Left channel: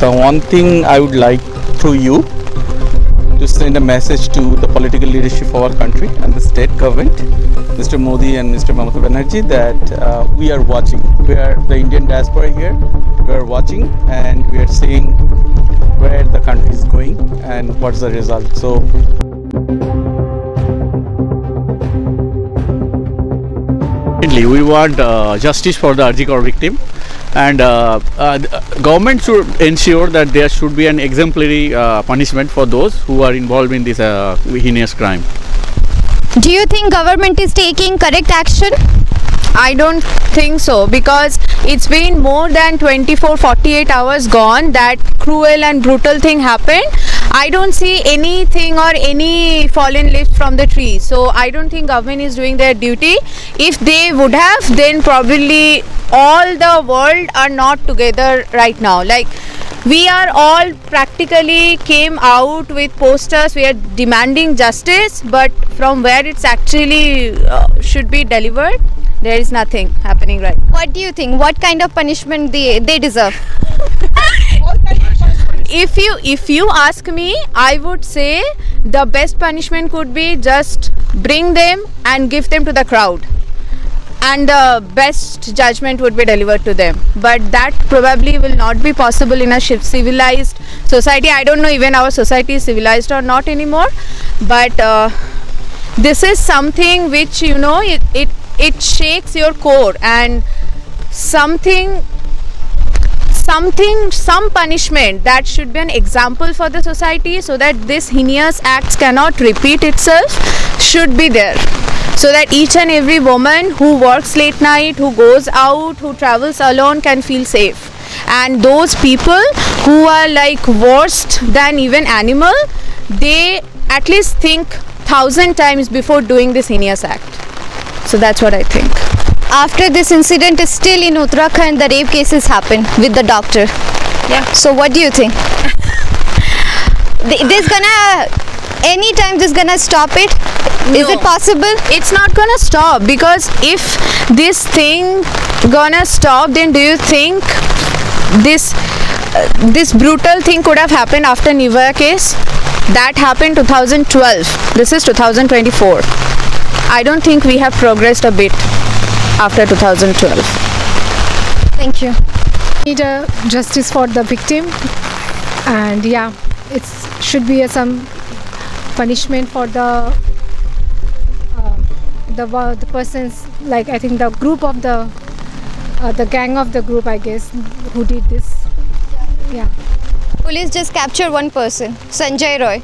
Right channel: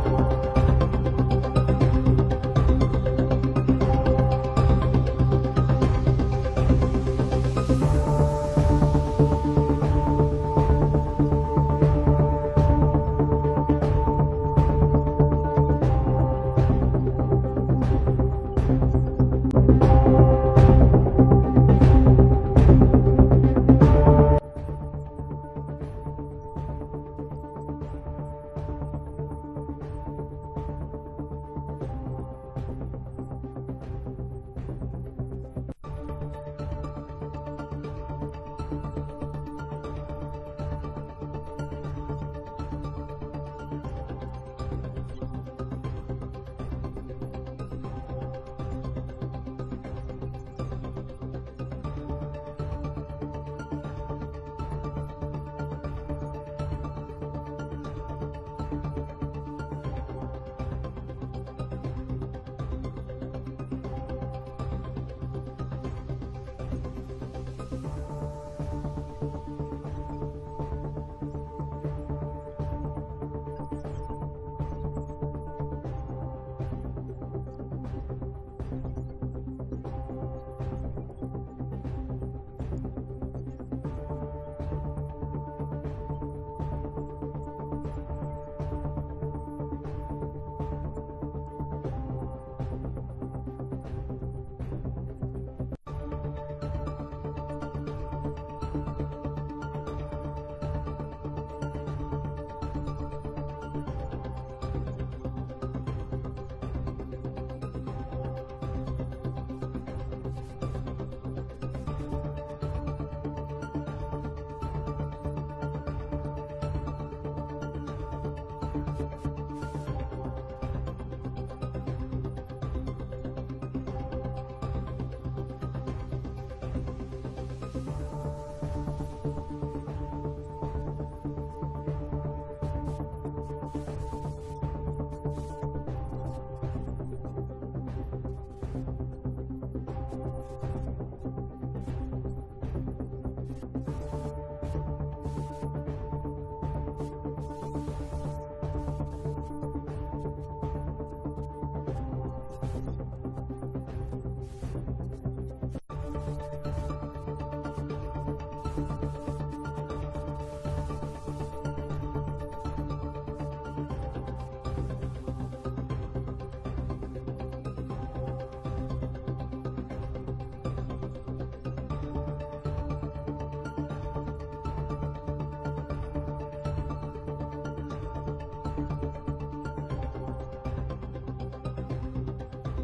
The one thing I would like through you to send a message to the political leadership of our country and the state government, Mr. Modi and Mr. Mamata Banerjee, that we are watching. We are the Indian diaspora here. We are watching and we are seeing where the country is going and what's the result. So we want justice for the RG Kar victim, and government should ensure that there should be an exemplary punishment for those who are involved in this heinous crime. Do you think government is taking correct action? I don't think so, because it's been more than 24-48 hours gone that cruel and brutal thing happened. I don't see anything or any fallen leaves from the tree. So I don't think government is doing their duty. If they would have, then probably all the world are not together right now. Like, we are all practically came out with posters. We are demanding justice, but from where it's actually should be delivered, there is nothing happening right now. What do you think? What kind of punishment they deserve? If you ask me, I would say the best punishment could be just bring them and give them to the crowd, and the best judgment would be delivered to them. But that probably will not be possible in a civilized society. I don't know even our society is civilized or not anymore, but this is something which, you know, it shakes your core, and some punishment that should be an example for the society, so that this heinous acts cannot repeat itself, should be there, so that each and every woman who works late night, who goes out, who travels alone can feel safe. And those people who are like worse than even animal, they at least think 1,000 times before doing this heinous act. So that's what I think. After this incident is still in Uttarakhand, the rape cases happen with the doctor. Yeah. So what do you think? Anytime this gonna stop it? Is it possible? It's not gonna stop, because if this thing gonna stop, then do you think this brutal thing could have happened after Nivaya case? That happened 2012. This is 2024. I don't think we have progressed a bit after 2012. Thank you. Need a justice for the victim, and yeah, it should be some punishment for the persons, like I think the group of the gang of the group, I guess, who did this. Yeah. Police just captured one person, Sanjay Roy.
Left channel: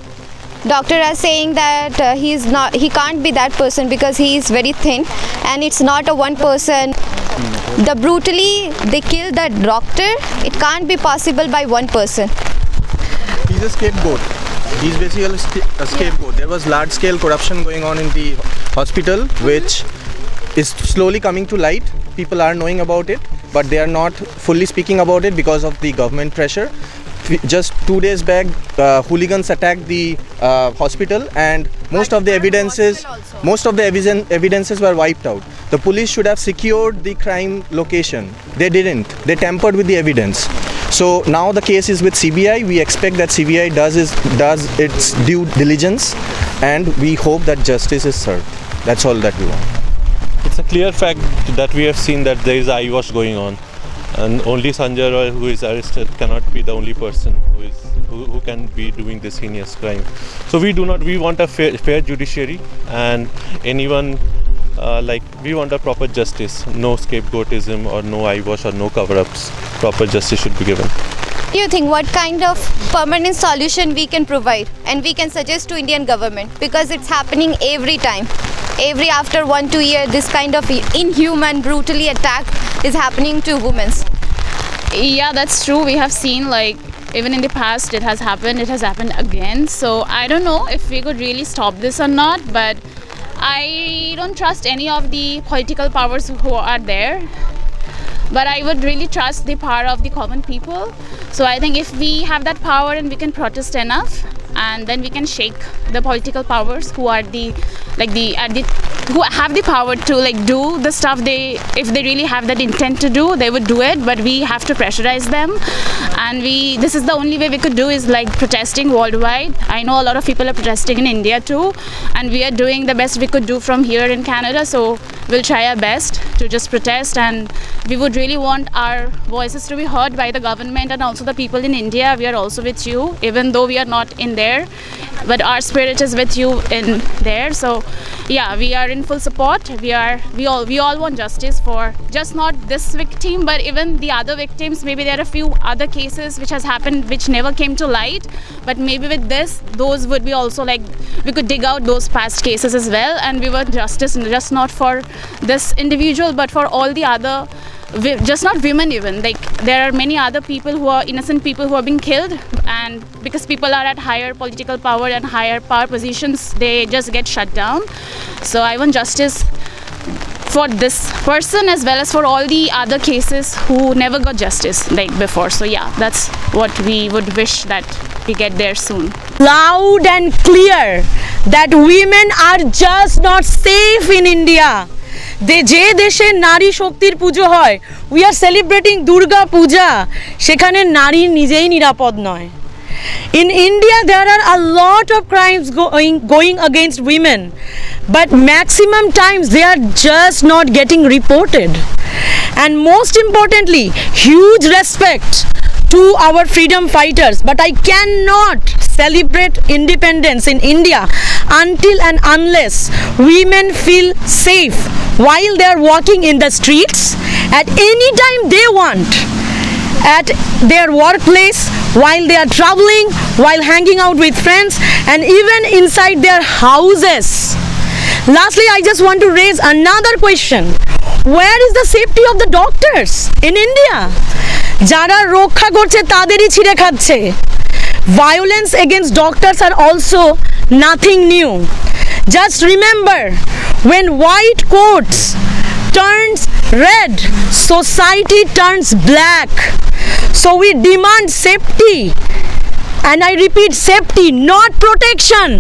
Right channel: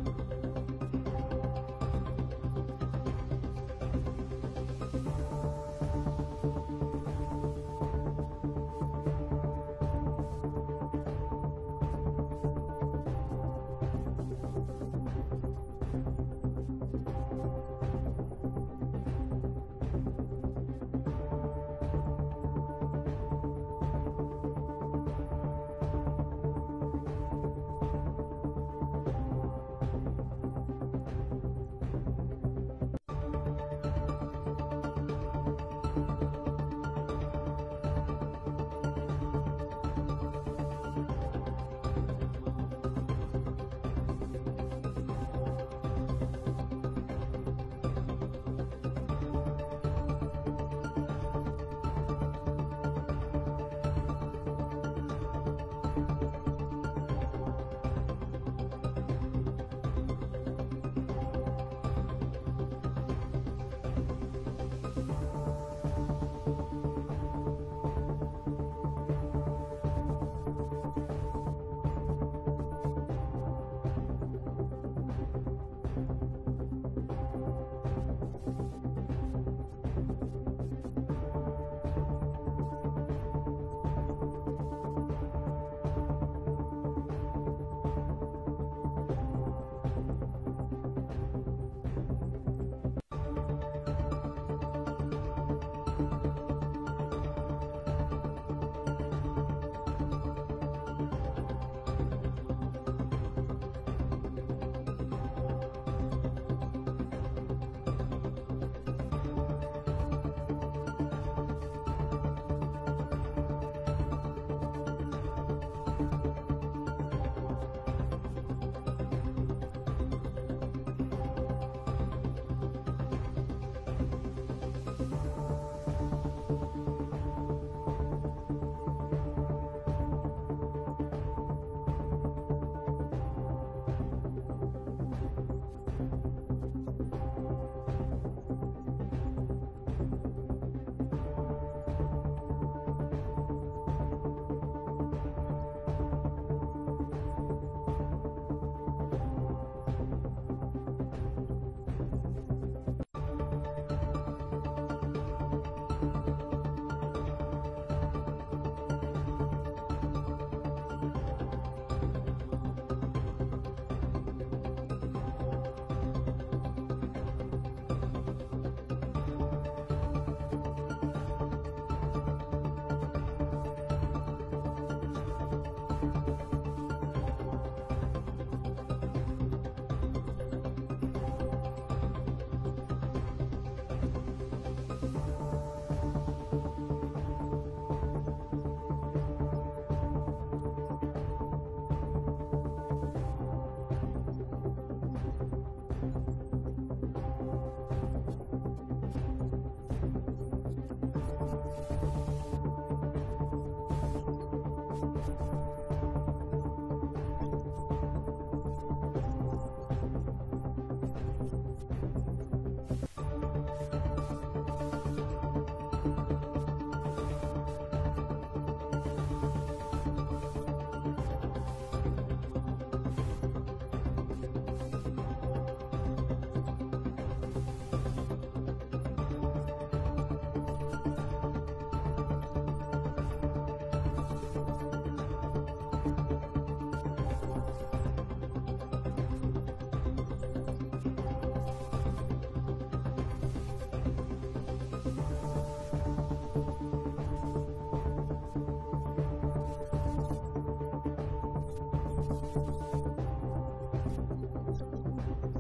Doctor are saying that he can't be that person because he is very thin, and it's not a one person. Brutally they killed that doctor. It can't be possible by one person. He's a scapegoat. He's basically a scapegoat. There was large scale corruption going on in the hospital, which is slowly coming to light. People are knowing about it, but they are not fully speaking about it because of the government pressure. Just 2 days back, hooligans attacked the hospital, and most of the evidences were wiped out. The police should have secured the crime location. They didn't. They tampered with the evidence. So now the case is with CBI. We expect that CBI does its due diligence, and we hope that justice is served. That's all that we want. It's a clear fact that we have seen that there is eye wash going on. And only Sanjay Roy, who is arrested, cannot be the only person who can be doing this heinous crime. So we want a fair judiciary, and anyone we want a proper justice. No scapegoatism or no eyewash or no cover-ups. Proper justice should be given. Do you think what kind of permanent solution we can provide and we can suggest to Indian government, because it's happening every time? After 1-2 years, this kind of inhuman, brutally attack is happening to women. Yeah, that's true. We have seen, like, even in the past it has happened again. So I don't know if we could really stop this or not, but I don't trust any of the political powers who are there. But I would really trust the power of the common people. So I think if we have that power and we can protest enough, and then we can shake the political powers who are who have the power to do the stuff if they really have that intent to do, they would do it, but we have to pressurize them. And this is the only way we could do, is protesting worldwide. I know a lot of people are protesting in India too, and we are doing the best we could do from here in Canada, so we'll try our best to just protest. And we would really want our voices to be heard by the government and also the people in India. We are also with you, even though we are not in there, but our spirit is with you in there. So yeah, we are in full support. We all want justice for just not this victim, but even the other victims. Maybe there are a few other cases which has happened which never came to light, but maybe with this, those would be also we could dig out those past cases as well, and we want justice just not for this individual, but for all the other, just not women even. There are many other people who are innocent people who are being killed, and because people are at higher political power and higher power positions, they just get shut down. So I want justice for this person as well as for all the other cases who never got justice before. So yeah, that's what we would wish that we get there soon. Loud and clear that women are just not safe in India. যে দেশে নারী শক্তির পুজো হয়, we are celebrating Durga Puja, সেখানে নারী নিজেই নিরাপদ নয়. In India there are a lot of crimes going against women, but maximum times they are just not getting reported. And most importantly, huge respect to our freedom fighters, but I cannot celebrate independence in India until and unless women feel safe while they are walking in the streets at any time they want, at their workplace, while they are traveling, while hanging out with friends, and even inside their houses. Lastly, I just want to raise another question. Where is the safety of the doctors in India? যারা রক্ষা করছে তাদেরই ছিঁড়ে খাচ্ছে. Violence against doctors are also nothing new. Just remember, when white coats turns red, society turns black. So we demand safety, and I repeat, safety, not protection.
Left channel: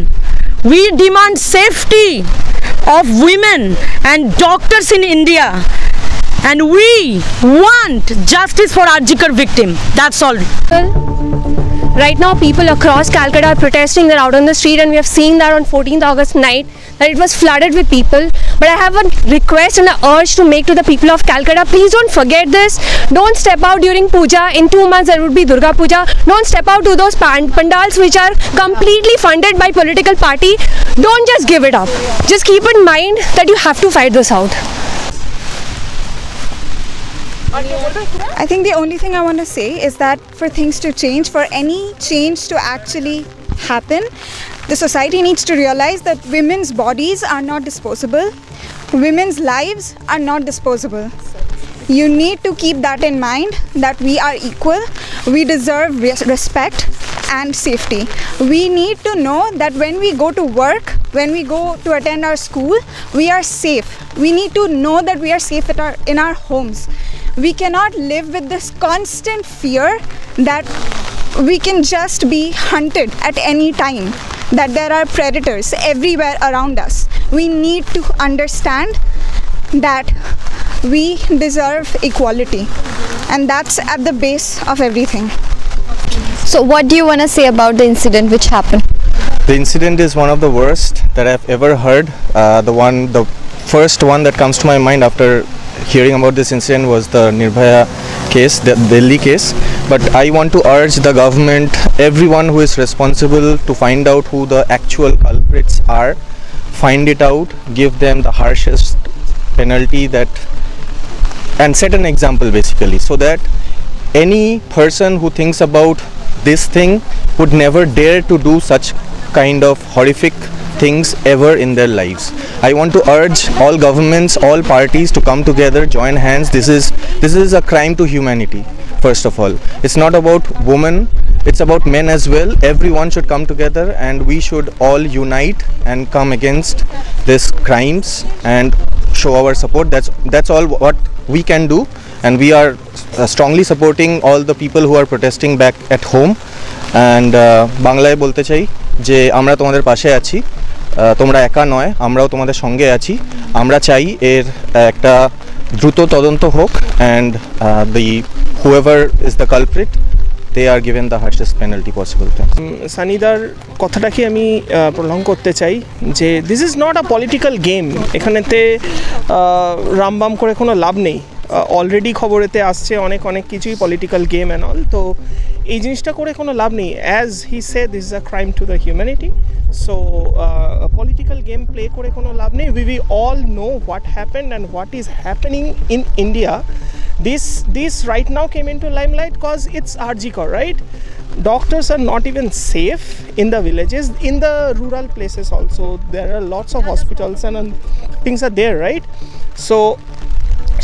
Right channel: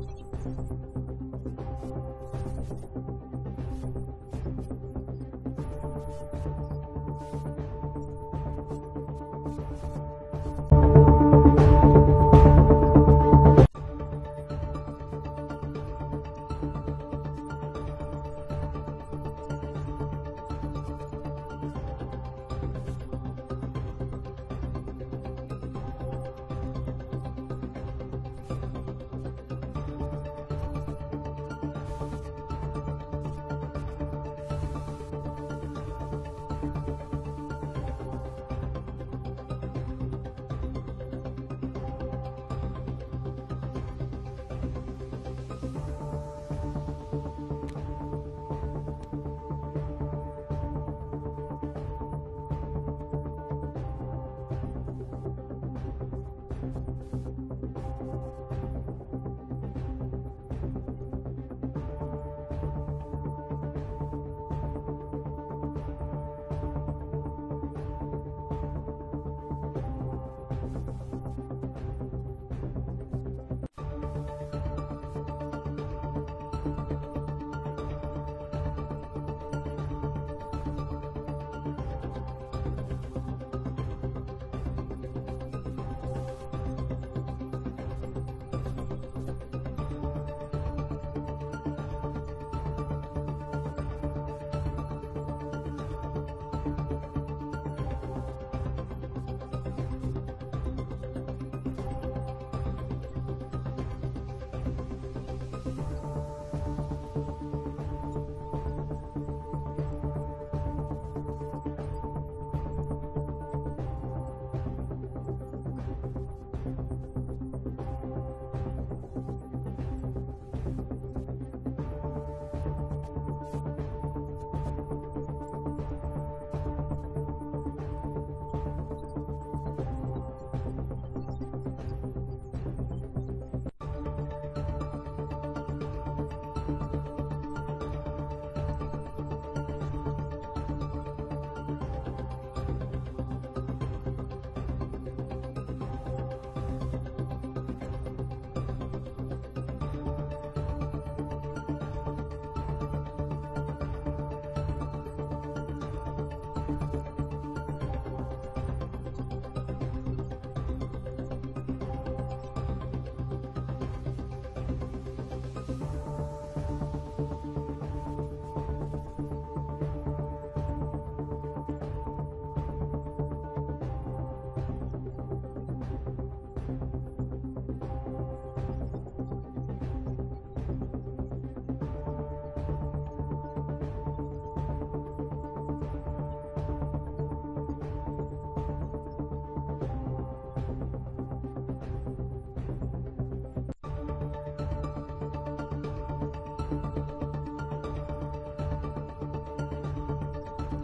We demand safety of women and doctors in India, and we want justice for Arjikar victim. That's all. Right now, people across Calcutta are protesting. They're out on the street, and we have seen that on 14th August night that it was flooded with people. But I have a request and an urge to make to the people of Calcutta: please don't forget this. Don't step out during Puja. In 2 months there would be Durga Puja. Don't step out to those pandals which are completely funded by political party. Don't just give it up. Just keep in mind that you have to fight this out. I think the only thing I want to say is that for things to change, for any change to actually happen, the society needs to realize that women's bodies are not disposable. Women's lives are not disposable. You need to keep that in mind, that we are equal, we deserve respect and safety. We need to know that when we go to work, when we go to attend our school, we are safe. We need to know that we are safe in our homes. We cannot live with this constant fear that we can just be hunted at any time, that there are predators everywhere around us. We need to understand that we deserve equality, and that's at the base of everything. So what do you want to say about the incident which happened? The incident is one of the worst that I've ever heard. The first one that comes to my mind after hearing about this incident was the Nirbhaya case, the Delhi case. But I want to urge the government, everyone who is responsible, to find out who the actual culprits are, find it out, give them the harshest penalty and set an example basically, so that any person who thinks about this thing would never dare to do such kind of horrific things ever in their lives. I want to urge all governments, all parties to come together, join hands. This is a crime to humanity, first of all. It's not about women, it's about men as well. Everyone should come together, and we should all unite and come against these crimes and show our support. That's all what we can do, and we are strongly supporting all the people who are protesting back at home. And বাংলায় বলতে চাই, যে আমরা তোমাদের পাশে আছি, তোমরা একা নয়, আমরাও তোমাদের সঙ্গে আছি। আমরা চাই এর একটা দ্রুত তদন্ত হোক and whoever is the culprit, they are given the harshest penalty possible. সানিদার কথাটাকে আমি প্রলং করতে চাই যে this is not a political game. এখানেতে রামবাম করে কোনো লাভ নেই। অলরেডি খবরেতে আসছে অনেক কিছুই পলিটিক্যাল গেম অ্যান্ড অল, তো এই জিনিসটা করে কোনো লাভ নেই। As he said, this is a crime to the humanity, so political game play করে কোনো লাভ নেই। We all know what happened and what is happening in India. This right now came into limelight because it's RG Kar, right? Doctors are not even safe in the villages, in the rural places also. There are lots of hospitals and things are there, right? So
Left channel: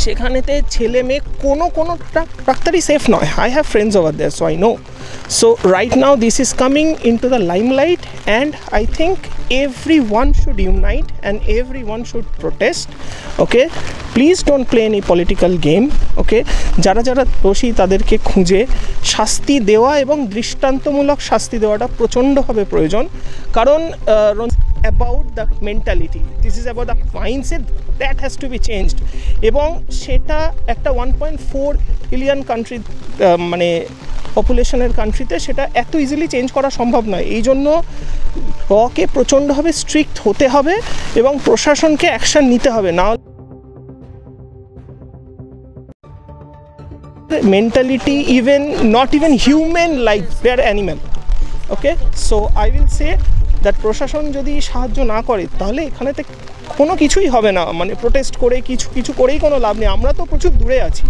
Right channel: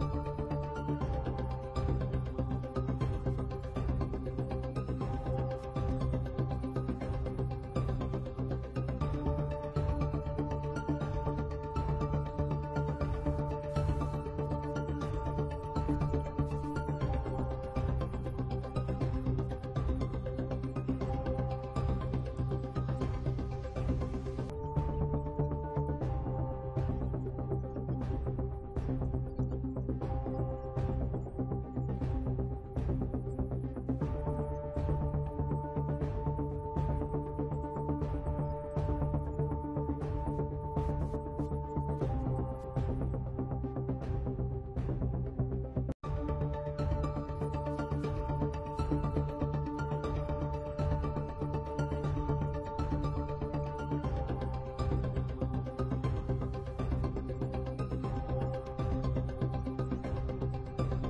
সেখানেতে ছেলে মেয়ে কোনো ডাক্তারই safe নয়। I have friends over there, so I know. So right now this is coming into the limelight and I think everyone should unite and everyone should protest. Okay, please don't play any political game. Okay, যারা দোষী তাদেরকে খুঁজে শাস্তি দেওয়া এবং দৃষ্টান্তমূলক শাস্তি দেওয়াটা প্রচণ্ডভাবে প্রয়োজন। কারণ about the mentality, this is about the mindset that has to be changed, এবং সেটা একটা 1.4 বিলিয়ন কান্ট্রি মানে পপুলেশনের কান্ট্রিতে সেটা এত ইজিলি চেঞ্জ করা সম্ভব নয়। এই জন্য রকে প্রচণ্ডভাবে স্ট্রিক্ট হতে হবে এবং প্রশাসনকে অ্যাকশন নিতে হবে। না mentality, not even human, like they're animal. Okay, so I will say that প্রশাসন যদি সাহায্য না করে তাহলে এখানেতে কোনো কিছুই হবে না। মানে প্রোটেস্ট করে কিছু করেই কোনো লাভ নেই। আমরা তো প্রচুর দূরে আছি,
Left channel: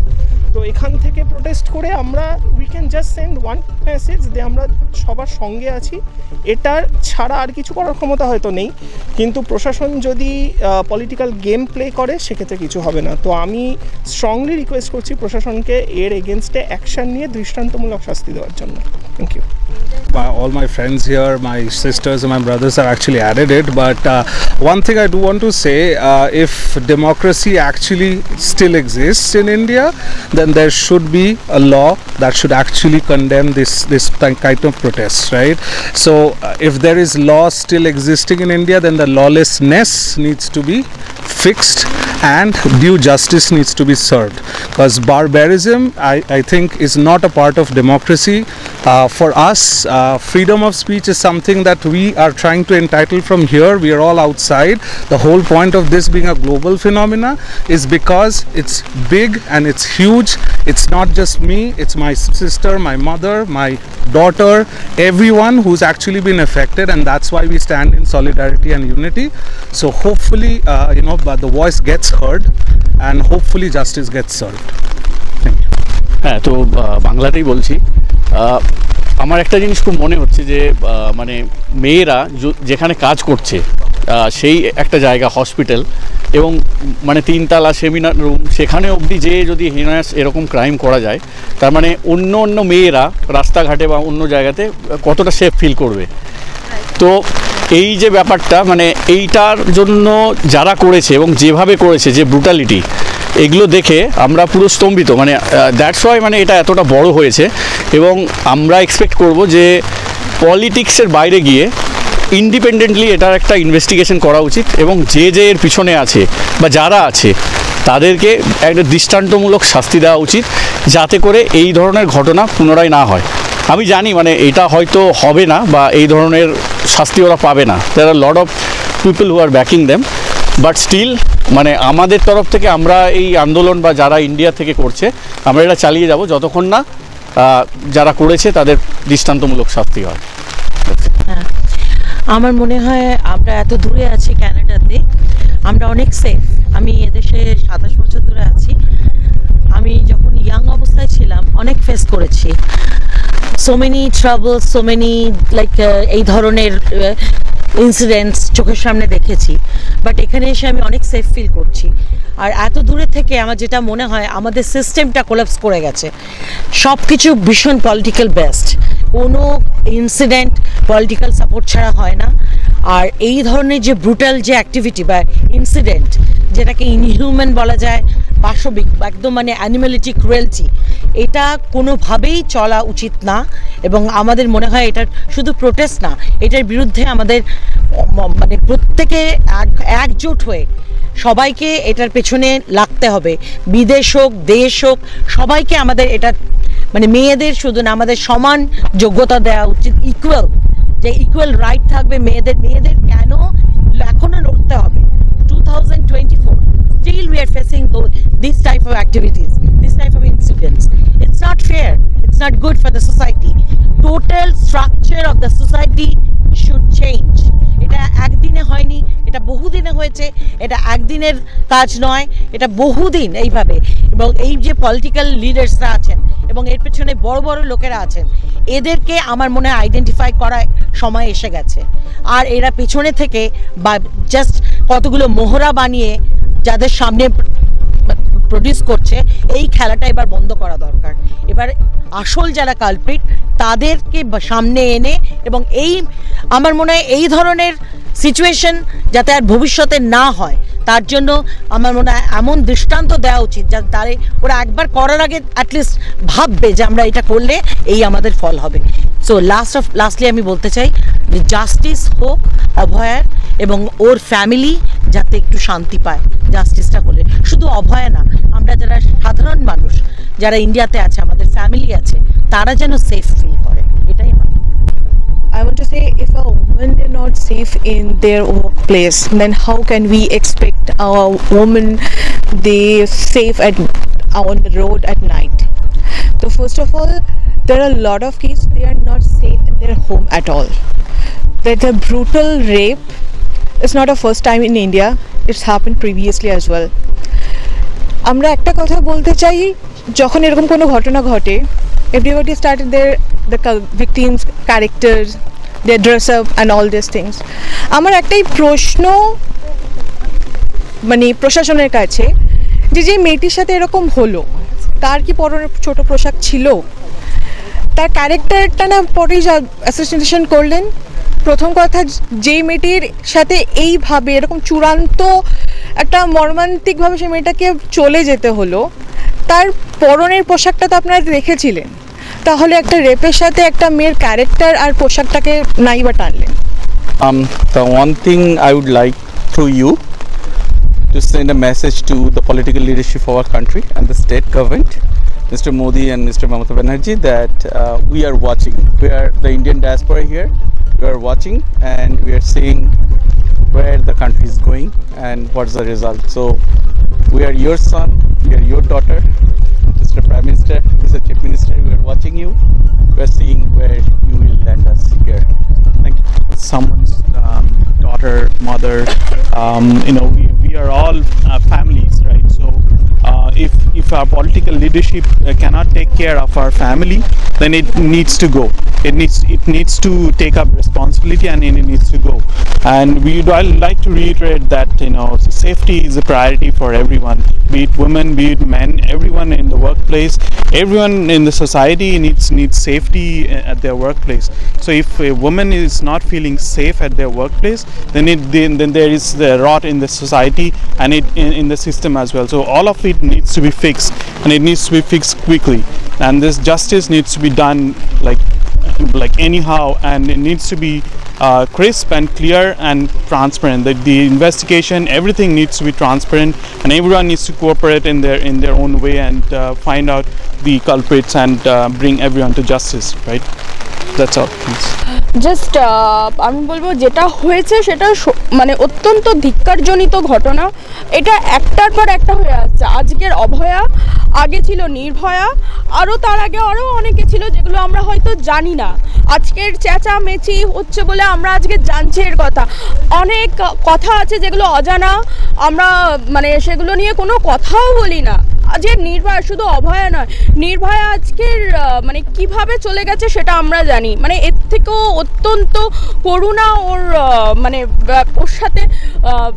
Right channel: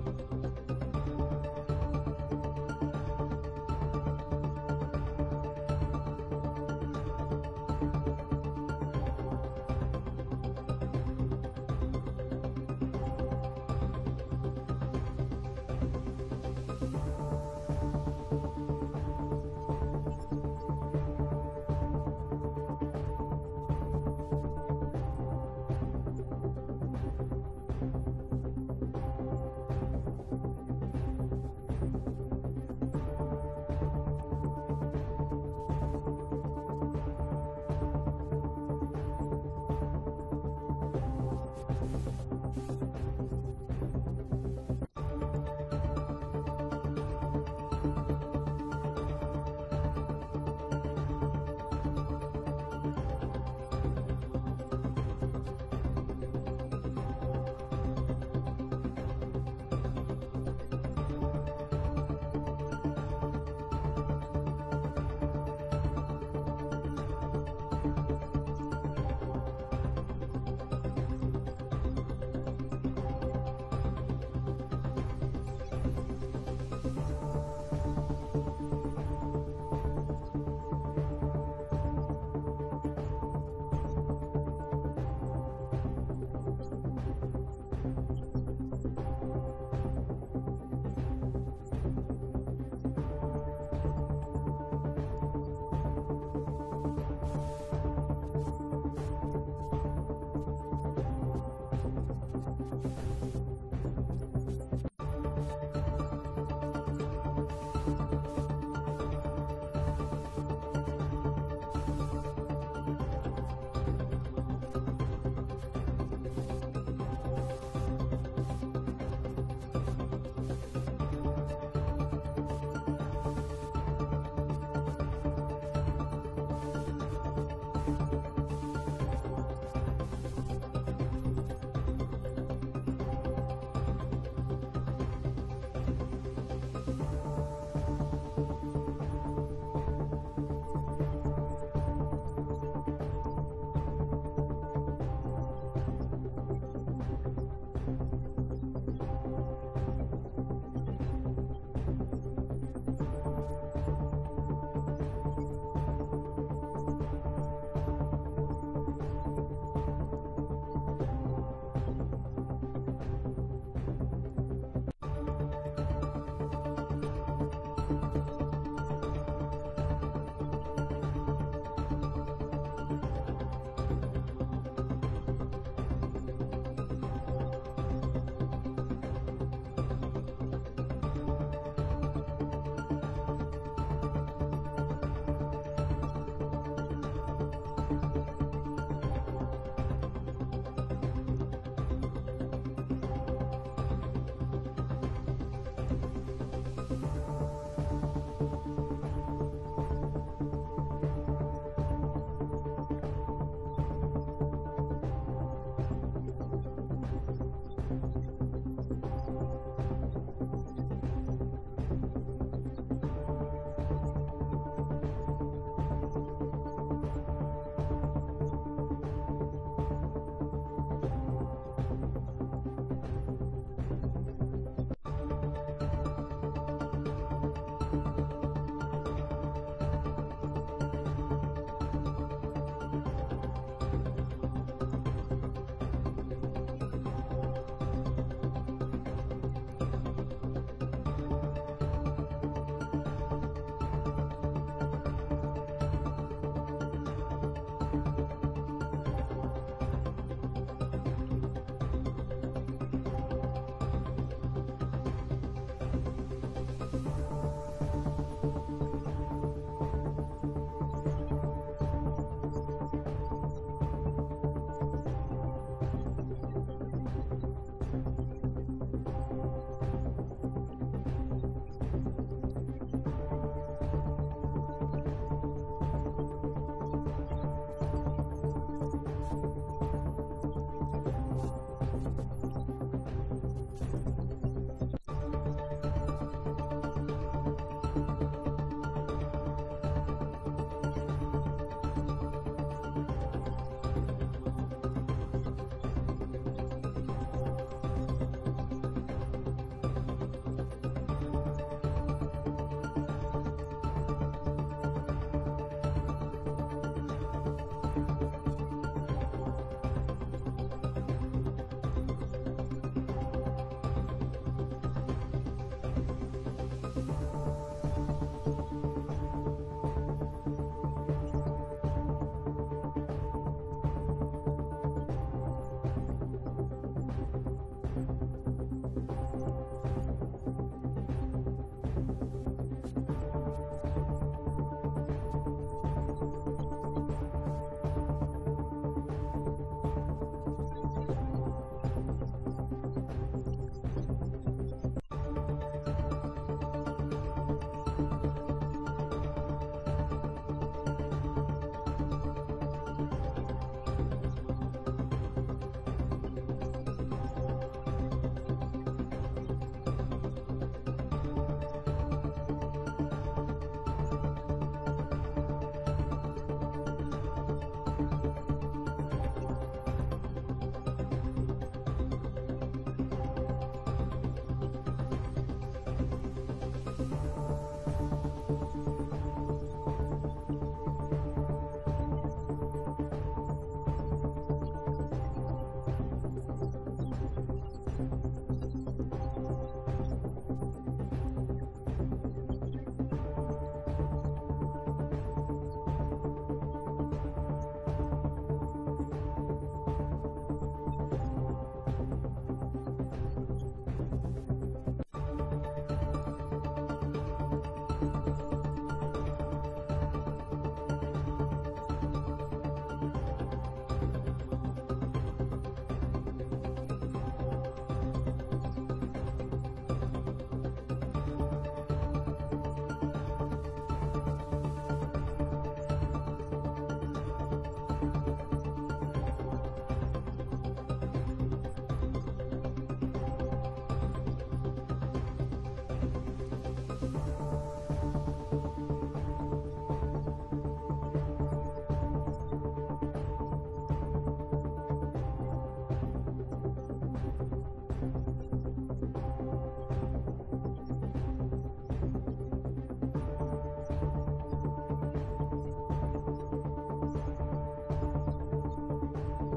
তো এখান থেকে প্রোটেস্ট করে আমরা we can just send one message যে আমরা সবার সঙ্গে আছি। এটার ছাড়া আর কিছু করার ক্ষমতা হয়তো নেই, কিন্তু প্রশাসন যদি পলিটিক্যাল গেম প্লে করে সেক্ষেত্রে কিছু হবে না। তো আমি স্ট্রংলি রিকোয়েস্ট করছি প্রশাসনকে এর এগেনস্টে অ্যাকশন নিয়ে দৃষ্টান্তমূলক শাস্তি দেওয়ার জন্য। Thank you. All my friends here, my sisters and my brothers are actually added it, but one thing I do want to say, if democracy actually still exists in India, then there should be a law that should actually condemn this kind of protests, right? So if there is law still existing in India, then the lawlessness needs to be fixed and due justice needs to be served, because barbarism I think is not a part of democracy. For us, freedom of speech is something that we are trying to entitle from here. We are all outside. The whole point of this being a global phenomena is because it's big and it's huge. It's not just me, it's my sister, my mother, my daughter, everyone who's actually been affected, and that's why we stand in solidarity and unity. So hopefully but the voice gets heard and hopefully justice gets served. Thank you. হ্যাঁ, তো বাংলাতেই বলছি। আমার একটা জিনিস খুব মনে হচ্ছে যে মানে মেয়েরা যেখানে কাজ করছে সেই একটা জায়গা হসপিটাল এবং মানে 3 তলা সেমিনার রুম, সেখানে অবধি যে যদি হিনায়াস এরকম ক্রাইম করা যায়, তার মানে অন্য মেয়েরা রাস্তাঘাটে বা অন্য জায়গাতে কতটা সেফ ফিল করবে। তো এই যে ব্যাপারটা, মানে এইটার জন্য যারা করেছে এবং যেভাবে করেছে, যে ব্রুটালিটি, এগুলো দেখে আমরা পুরো স্তম্ভিত। মানে দ্যাটস ওয়াই মানে এটা এতটা বড় হয়েছে এবং আমরা এক্সপেক্ট করব যে পলিটিক্সের বাইরে গিয়ে ইন্ডিপেন্ডেন্টলি এটার একটা ইনভেস্টিগেশন করা উচিত এবং যে এর পিছনে আছে বা যারা আছে তাদেরকে একটা দৃষ্টান্তমূলক শাস্তি দেওয়া উচিত, যাতে করে এই ধরনের ঘটনা পুনরায় না হয়। আমি জানি মানে এটা হয়তো হবে না বা এই ধরনের শাস্তি ওরা পাবে না, there are lot of people who are backing them, but still মানে আমাদের তরফ থেকে আমরা এই আন্দোলন বা যারা ইন্ডিয়া থেকে করছে আমরা এটা চালিয়ে যাব যতক্ষণ না যারা করেছে তাদের দৃষ্টান্তমূলক শাস্তি হয়। আমার মনে হয় আমরা এত দূরে আছি ক্যানাডাতে, আমরা অনেক সেফ। আমি এদেশে 27 বছর ধরে আছি। আমি যখন ইয়াং অবস্থায় ছিলাম অনেক ফেস করেছি, so many trouble, so many like এই ধরনের ইনসিডেন্টস চোখের সামনে দেখেছি, বাট এখানে এসে আমি অনেক সেফ ফিল করছি। আর এত দূরে থেকে আমার যেটা মনে হয় আমাদের সিস্টেমটা কোলাপস করে গেছে, সব কিছু ভীষণ পলিটিক্যাল বেসড, কোনো ইনসিডেন্ট পলিটিক্যাল সাপোর্ট ছাড়া হয় না। আর এই ধরনের যে ব্রুটাল যে অ্যাক্টিভিটি বা ইনসিডেন্ট, যেটাকে ইনহিউম্যান বলা যায় পাশবিক একদম মানে অ্যানিমালিটি ক্রুয়েলটি, এটা কোনোভাবেই চলা উচিত না। এবং আমাদের মনে হয় এটা শুধু প্রোটেস্ট না, এটার বিরুদ্ধে আমাদের মানে প্রত্যেকে একজোট হয়ে সবাইকে এটার পেছনে লাগতে হবে। বিদেশ হোক দেশ হোক সবাইকে আমাদের এটা মানে মেয়েদের শুধু না, আমাদের সমান যোগ্যতা দেওয়া উচিত, ইকুয়াল, যে ইকুয়াল রাইট থাকবে মেয়েদের। মেয়েদের কেন এখনো লড়তে হবে? 2024 still we are facing this type of activities, this type of incidents. It's not fair, it's not good for the society. Total structure of the society should change. এটা একদিনে হয়নি, এটা বহুদিনে হয়েছে, এটা একদিনের কাজ নয়, এটা বহুদিন এইভাবে। এবং এই যে পলিটিক্যাল লিডার্সরা আছেন এবং এর পেছনে বড় বড় লোকেরা আছেন, এদেরকে আমার মনে হয় আইডেন্টিফাই করার সময় এসে গেছে। আর এরা পেছনে থেকে বা জাস্ট কতগুলো মোহরা বানিয়ে যাদের সামনে প্রডিউস করছে, এই খেলাটা এবার বন্ধ করা দরকার। এবার আসল যারা কালপ্রিট তাদেরকে সামনে এনে, এবং এই আমার মনে হয় এই ধরনের সিচুয়েশন যাতে আর ভবিষ্যতে না হয় তার জন্য আমার মনে হয় এমন দৃষ্টান্ত দেওয়া উচিত যাতে তারে ওরা একবার করার আগে অ্যাটলিস্ট ভাববে যে আমরা এটা করলে এই আমাদের ফল হবে। সো লাস্টলি আমি বলতে চাই যে জাস্টিস হোক অভয়ার, এবং ওর ফ্যামিলি যাতে একটু শান্তি পায় জাস্টিসটা করলে। শুধু অভয়া না, আমরা যারা সাধারণ মানুষ যারা ইন্ডিয়াতে আছে, আমাদের ফ্যামিলি আছে, তারা যেন সেফ ফিল করে, এটাই আমার। I want to say, if a woman is not safe in their workplace, then how can we expect a woman they safe on the road at night? So first of all, there are a lot of cases they are not safe in their home at all. That the brutal rape is not a first time in India; it's happened previously as well. আমরা একটা কথা বলতে চাই, যখন এরকম কোনো ঘটনা ঘটে, everybody started the victims characters, their dress up and all these things. আমার একটাই প্রশ্ন মানে প্রশাসনের কাছে, যে মেয়েটির সাথে এরকম হলো, তার কি পরনে ছোট পোশাক ছিল? তার ক্যারেক্টারটা না পরেই অ্যাসোসিয়েশন করলেন। প্রথম কথা, যেই মেয়েটির সাথে এইভাবে এরকম চূড়ান্ত একটা মর্মান্তিকভাবে সেই মেয়েটাকে চলে যেতে হলো, তার পরনের পোশাকটা তো আপনারা দেখেছিলেন, তাহলে একটা রেপের সাথে একটা মেয়ের ক্যারেক্টার আর পোশাকটাকে নাই বা টানলেন। The one thing I would like through you to send a message to the political leadership of our country and the state government, Mr. Modi and Mr. Mamata Banerjee, that we are watching. We are the Indian diaspora here. We are watching and we are seeing where the country is going and what's the result. So we are your son, we are your daughter, Mr. Prime Minister, Mr. Chief Minister. We are watching you. We are seeing where you will land us here. Thank you. Someone's daughter, mother, we are all families, right? So if our political leadership cannot take care of our family, then it needs to go. It needs to take up responsibility and it needs to go. And I'd like to reiterate that safety is a priority for everyone, be it women, be it men, everyone in the workplace, everyone in the society needs safety at their workplace. So if a woman is not feeling safe at their workplace, then there is the rot in the society and in the system as well. So all of it needs to be fixed, and it needs to be fixed quickly. And this justice needs to be done like anyhow, and it needs to be crisp and clear and transparent. The investigation, everything needs to be transparent, and everyone needs to cooperate in their own way and find out the culprits and bring everyone to justice, right? That's all. Thanks. Just আমি বলবো যেটা হয়েছে সেটা মানে অত্যন্ত ধিক্কারজনিত ঘটনা। এটা একটার পর একটা হয়ে আসছে। আজকের অভয়া, আগে ছিল নির্ভয়া, আরও তার আগে আরও অনেকে ছিল যেগুলো আমরা হয়তো জানি না। আজকের চেঁচামেচি হচ্ছে বলে আমরা আজকে জানছি এর কথা। অনেক কথা আছে যেগুলো অজানা, আমরা মানে সেগুলো নিয়ে কোনো কথাও বলি না। যে নির্ভয়া, শুধু অভয়া নয়, নির্ভয়া আজকের মানে কিভাবে চলে গেছে সেটা আমরা জানি। মানে এর থেকেও অত্যন্ত করুণা মানে ওর সাথে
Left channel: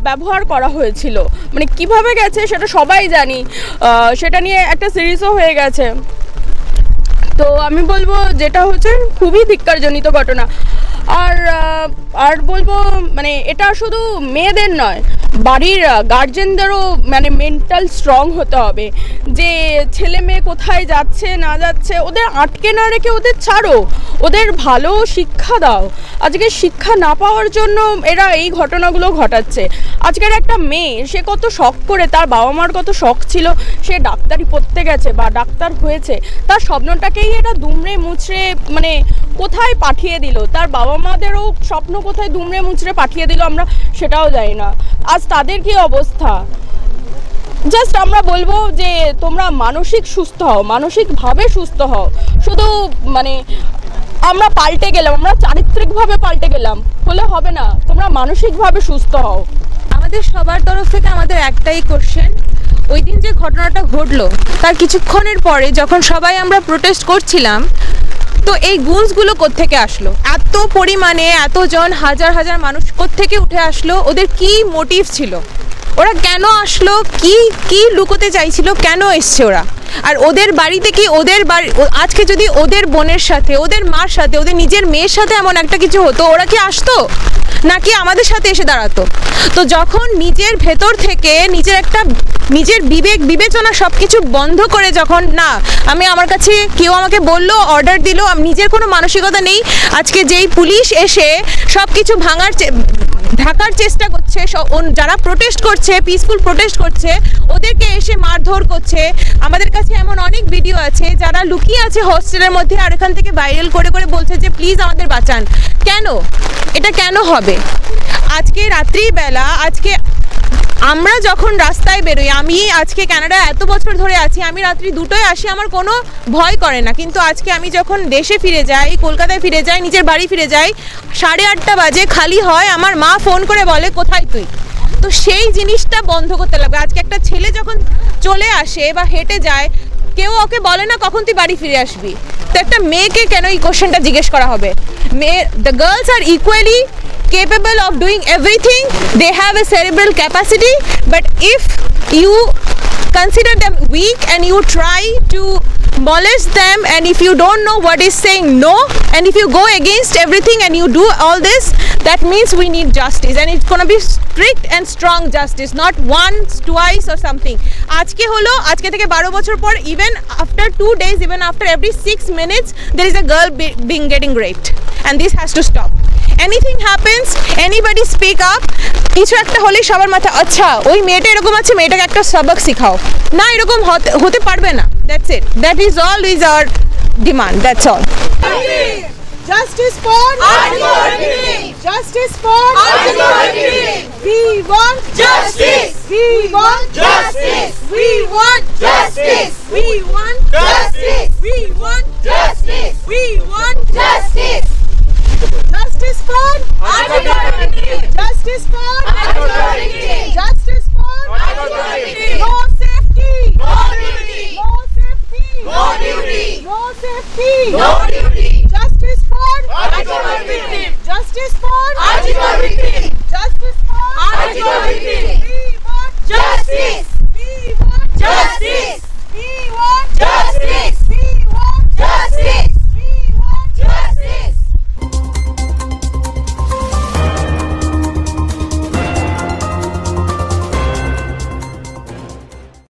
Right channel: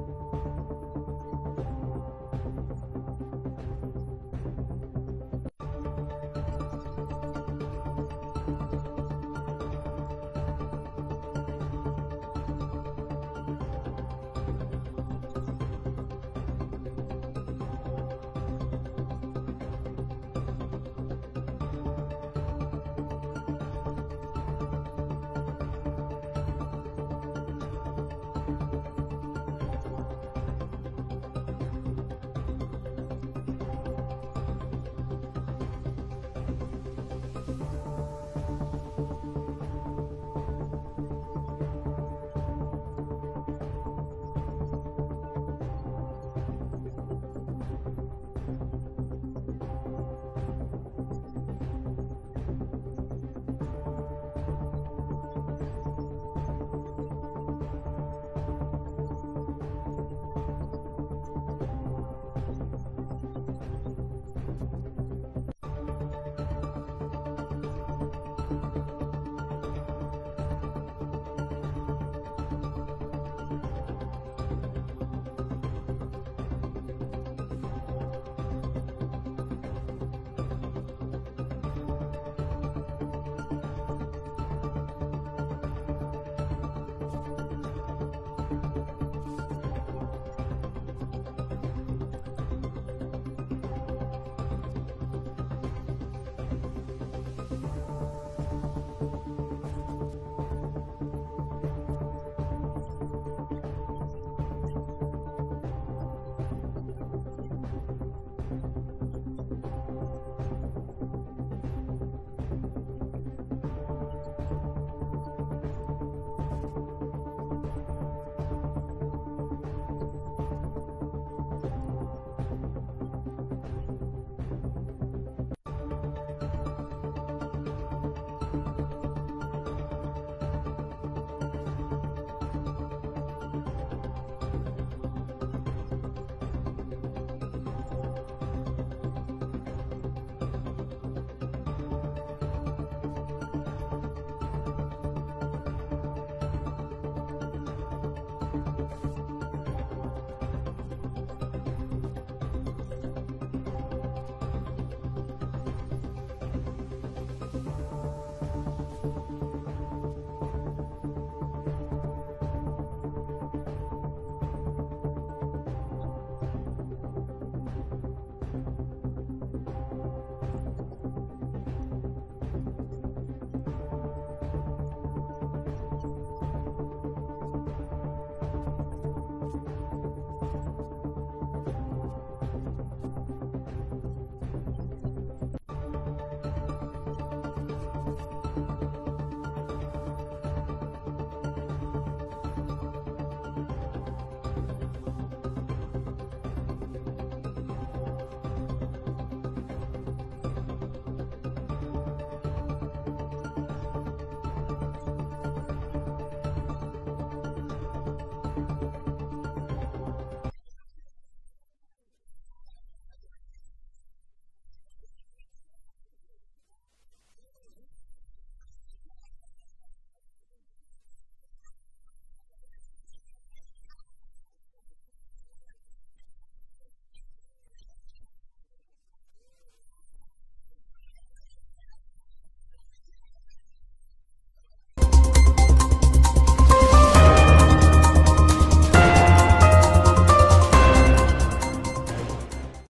ব্যবহার করা হয়েছিল। মানে কিভাবে গেছে সেটা সবাই জানি, সেটা নিয়ে একটা সিরিজও হয়ে গেছে। তো আমি বলবো যেটা হচ্ছে খুবই ধিক্কারজনিত ঘটনা। আর বলবো মানে এটা শুধু মেয়েদের নয়, বাড়ির গার্জেনদেরও মানে মেন্টাল স্ট্রং হতে হবে যে ছেলে মেয়ে কোথায় যাচ্ছে না যাচ্ছে ওদের আটকে না রেখে ওদের ছাড়ো, ওদের ভালো শিক্ষা দাও। আজকে শিক্ষা না পাওয়ার জন্য এরা এই ঘটনাগুলো ঘটাচ্ছে। আজকের একটা মেয়ে সে কত শখ করে, তার বাবা মার কত শখ ছিল সে ডাক্তারি পড়তে গেছে বা ডাক্তার হয়েছে, তার স্বপ্নটাকেই এরা দুমড়ে মুচড়ে মানে কোথায় পাঠিয়ে দিল, তার বাবা মাদেরও স্বপ্ন কোথায় দুমড়ে মুচড়ে পাঠিয়ে দিল আমরা সেটাও জানি না। আজ তাদের কি অবস্থা। জাস্ট আমরা বলবো যে তোমরা মানসিক সুস্থ হও, মানসিকভাবে সুস্থ হও। শুধু মানে আমরা পাল্টে গেলাম, আমরা চারিত্রিকভাবে পাল্টে গেলাম হলে হবে না, তোমরা মানসিকভাবে সুস্থ হও। আমাদের সবার তরফ থেকে আমাদের একটাই কোশ্চেন, ওই দিন যে ঘটনাটা ঘটলো তার কিছুক্ষণের পরে যখন সবাই আমরা প্রোটেস্ট করছিলাম, তো এই গুণসগুলো কোত্থেকে আসলো? এত পরিমাণে এতজন হাজার হাজার মানুষ কোত্থেকে উঠে আসলো? ওদের কি মোটিভ ছিল? ওরা কেন আসলো? কি লুকোতে চাইছিল? কেন এসছে ওরা? আর ওদের বাড়িতে কি ওদের বাড়ি আজকে যদি ওদের বোনের সাথে, ওদের মার সাথে, ওদের নিজের মেয়ের সাথে এমন একটা কিছু হতো, ওরা কি আসতো নাকি আমাদের সাথে এসে দাঁড়াতো? তো যখন নিজের ভেতর থেকে নিজের বিবেক বিবেচনা সব কিছু বন্ধ করে, যখন না আমি আমার কাছে কেউ আমাকে বললো, অর্ডার দিল, নিজের কোনো মানসিকতা নেই, আজকে যেই পুলিশ এসে সব কিছু ঢাকার চেষ্টা করছে, যারা প্রোটেস্ট করছে, পিসফুল প্রোটেস্ট করছে, ওদেরকে এসে মারধর করছে। আমাদের কাছে এমন অনেক ভিডিও আছে যারা লুকিয়ে আছে হোস্টেলের মধ্যে আর এখান থেকে ভাইরাল করে করে বলছে যে প্লিজ আমাদের বাঁচান। কেন? এটা কেন হবে? আজকে রাত্রিবেলা, আজকে আমরা যখন রাস্তায় বেরোই, আমি আজকে কানাডা এত বছর ধরে আছি, আমি রাত্রি 2টোয় আসি, আমার কোনো ভয় করে না। কিন্তু আজকে আমি যখন দেশে ফিরে যাই, কলকাতায় ফিরে যাই, নিজের বাড়ি ফিরে যাই, 8:30 বাজে খালি হয়, আমার মা ফোন করে বলে কোথায় তুই? তো সেই জিনিসটা বন্ধ করতে লাগবে। আজকে একটা ছেলে যখন চলে আসে বা হেঁটে যায়, কেউ ওকে বলে না কখন তুই বাড়ি ফিরে আসবি। তো একটা মেয়েকে কেন এই কোশ্চেনটা জিজ্ঞেস করা হবে? The girls are equally capable of doing everything, they have a cerebral capacity, but if you consider them weak and you try to molest them, and if you don't know what is saying no, and if you go against everything and you do all this, that means we need justice, and it's going to be strict and strong justice, not once, twice or something. আজকে হলো, আজকে থেকে 12 বছর পর, even after 2 days, even after every 6 minutes there is a girl being getting raped, and this has to stop. Anything happens, anybody speak up, কিছু একটা হলে সবার মাথা আচ্ছা ওই মেয়েটা এরকম আছে, মেয়েটাকে একটা সবক শেখাও না, এরকম হতে পারবে না। That's it. That is all is our demand. That's all. Justice for Arjun. Justice for Arjun. We want justice. We want justice. We want justice. We want justice. We want justice. We want justice. Justice for Arjun. Justice for